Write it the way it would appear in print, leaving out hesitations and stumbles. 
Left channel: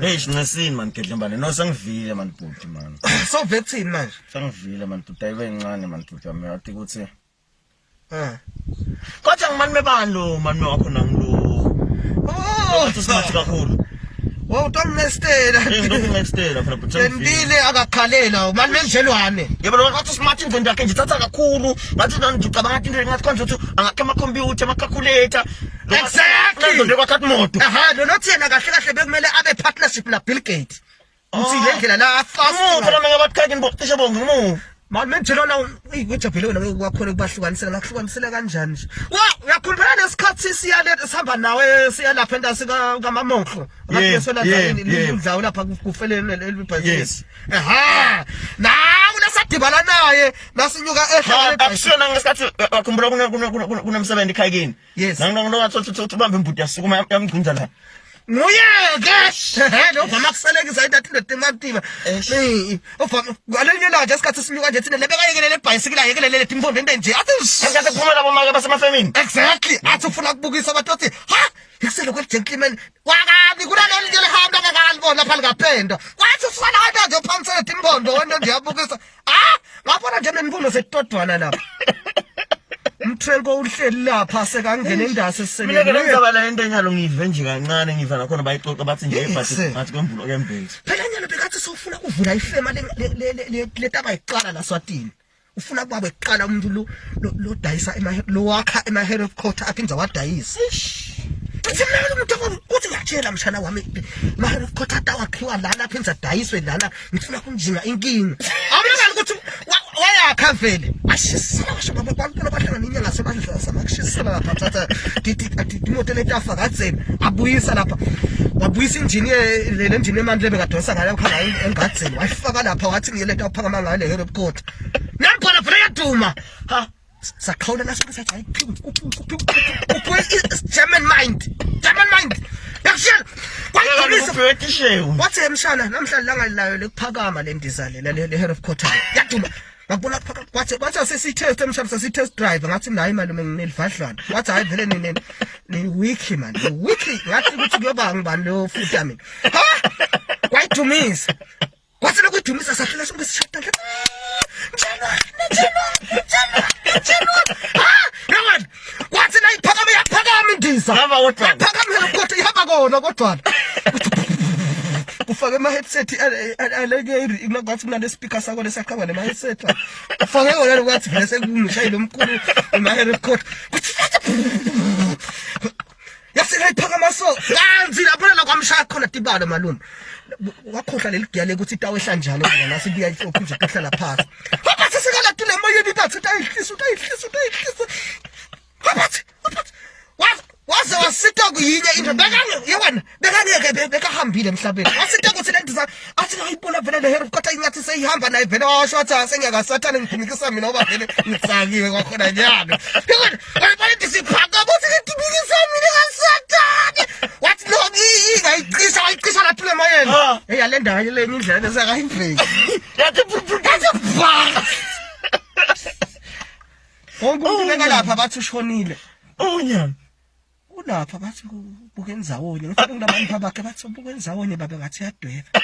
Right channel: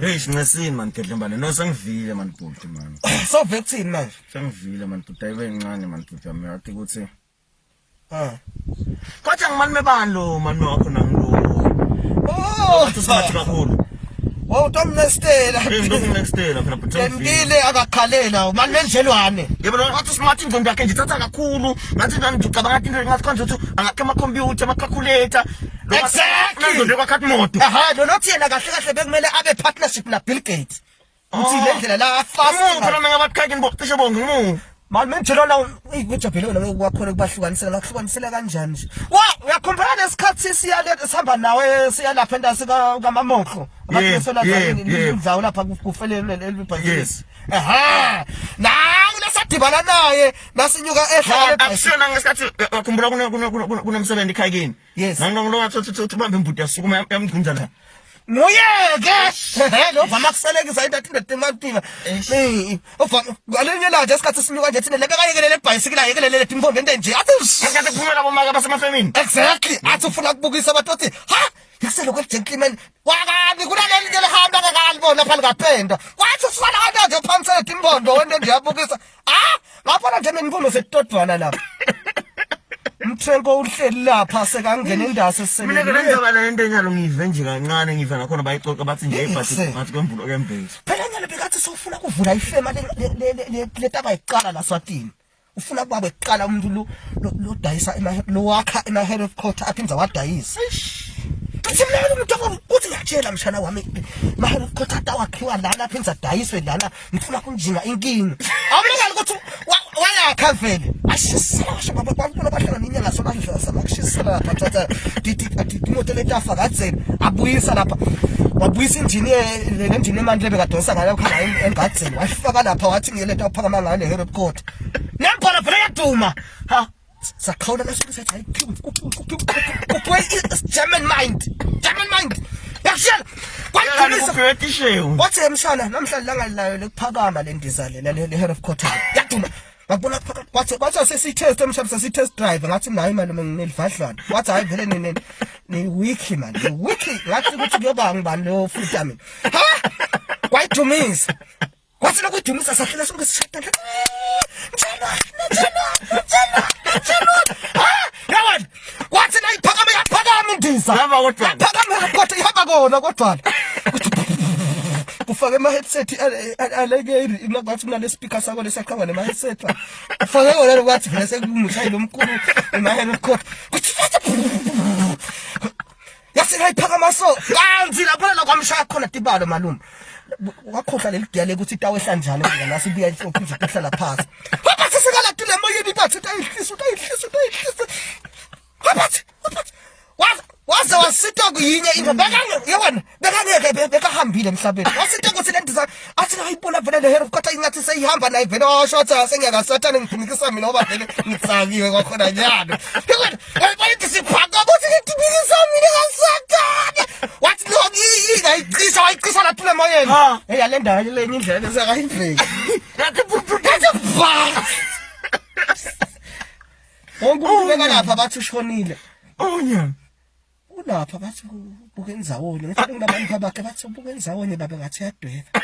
Hey sinesini man Gedlembane no sengivile man bhuti man. So vaccine manje. Sengivile man bhuti ayibe incane man bhuti wami athi ukuthi Kodwa ngimani mebani lo man wakho nangilo. Oh, Usimathi kakhulu. Wow, don't nestela. Ngidokho nextela phela bhuti. Ngempile akakhalela manje menjelwane. Yebo wathi smart ingqondo yakhe ngithatha kakhulu. Ngathi nanje ucabanga into engathi konje ukuthi angakhe ama computer ama calculator. Exactly. Nje kwakhathi moto. Aha, nothi yena kahle kahle bekumele abe partnership na Bill Gates. Uthi le ndlela la fast. Phela mina ngabathi khake ngibocishe bonke ngimu. Manje menjelwana uyithi phela wena kwakhona kubahlukanisela ngakuhlukanisela kanjani nje. Wa, uyakhumbula lesikhathi sihamba nawe siya lapha endasika kaMamokho. Ngaphesela nje indlawo lapha kufelene elibhayisi. Aha. Na unasadibana naye nasinyuka ehlala akusona ngesikhathi akhumbula kunomsebenzi ekhaya kini. Yes. Nangingathi ubambe imbuti yasukuma yamgcinza la. Nguyeke no vamakuselekisa into athi ndetingativa ngalenye laje esikhathi sinyuka nje thina lebekayekele lebhayisikile ayekelele timpondo into nje athi ngase kuphumela bomaka basemafemini. Exactly athi ufuna ukubukisa abantu athi ha yaselo kwegentleman wakani kunaleli nje lehamba kanibona phela kapenda kwathi usifana kanti nje phamsele timpondo wento nje yabukisa ngapha nje nemfundo setodwana lapha Mthengo uhleli lapha sekangena indase Mina sisekele. ngenzaba la into enyalo ngive nje kancane ngiva nakhona bayixoxa bathi nje bathi kwemvulo kembezi. Phela nyalo bekathi sofuna kuvula ifema le taba iqala la Swatini. Ufuna kuba beqala umuntu lo dayisa lo wakha ema head of court aphinza wadayisa. Uthi mina umuntu uthi ngiyatshela mshana wami ma head of court atawakhiwa lana aphinza dayiswe lana ngifuna kunjinga inkingi. Awubona ukuthi wayakha vele ashisela shaba abantu bahlanga ninye ngasebandla samakushisela lapha thatha imoto letafa kadzeni abuyisa lapha wabuyisa engineer le engineer manje bekadonsa ngala ukhanga engadzeni wafaka lapha wathi ngiyeleta uphakama ngayo le head of court nampona phela yaduma ha sakhawula lasukuthi hayi German mind yakushela kwayishewu wathi emshana namhlanje langa layo lekuphakama le ndizale le head of court yaduma ngabona kwathi sesitest emshana sesitest drive ngathi nayi malume nginelivadlwana wathi hayi vele ni wiki man ni wiki ngathi ukuthi kuyoba ngibani lo futa mina ha kwayidumisa kwathi lokudumisa safika sonke sishada njalo yawona kwathi nayiphakama yaphakama indiza ngaba kodwa yaphakama kodwa ihamba kona kodwa ufake ama headset aleke ngathi mina le speaker sakho lesaqhanga nema headset ufake wona lokwathi vele sekungishayile omkhulu ema head court yasengayiphakama so kanzi lapha la kwamshaya khona tibalo malume wakhohla leli diya lekuthi itawehla njalo ngala sibuya inhlophe nje kuhlala phansi ngoba sesekala tule moyeni bathi utayihlisa ngoba waze wasita kuyinye into bekangeke bekahambile emhlabeni wasita ukuthi le ndiza athi ngayibona vele le head of court ingathi seyihamba naye vele washotha senyaka sathane ngiphinikisa mina ngoba vele ngitsakiwe kwakhona nyalo yabona wayithi siphaka ukuthi ngitibikisa mina ngasathane wathi no wayicisha la tule moyeni yale ndawo le indlela lesakayimveli yathi onke lapha bathi ushonile unyana ulapha bathi buke ndzawonye ngifike kulabantu bakhe bathi buke ndzawonye babe ngathi yadweba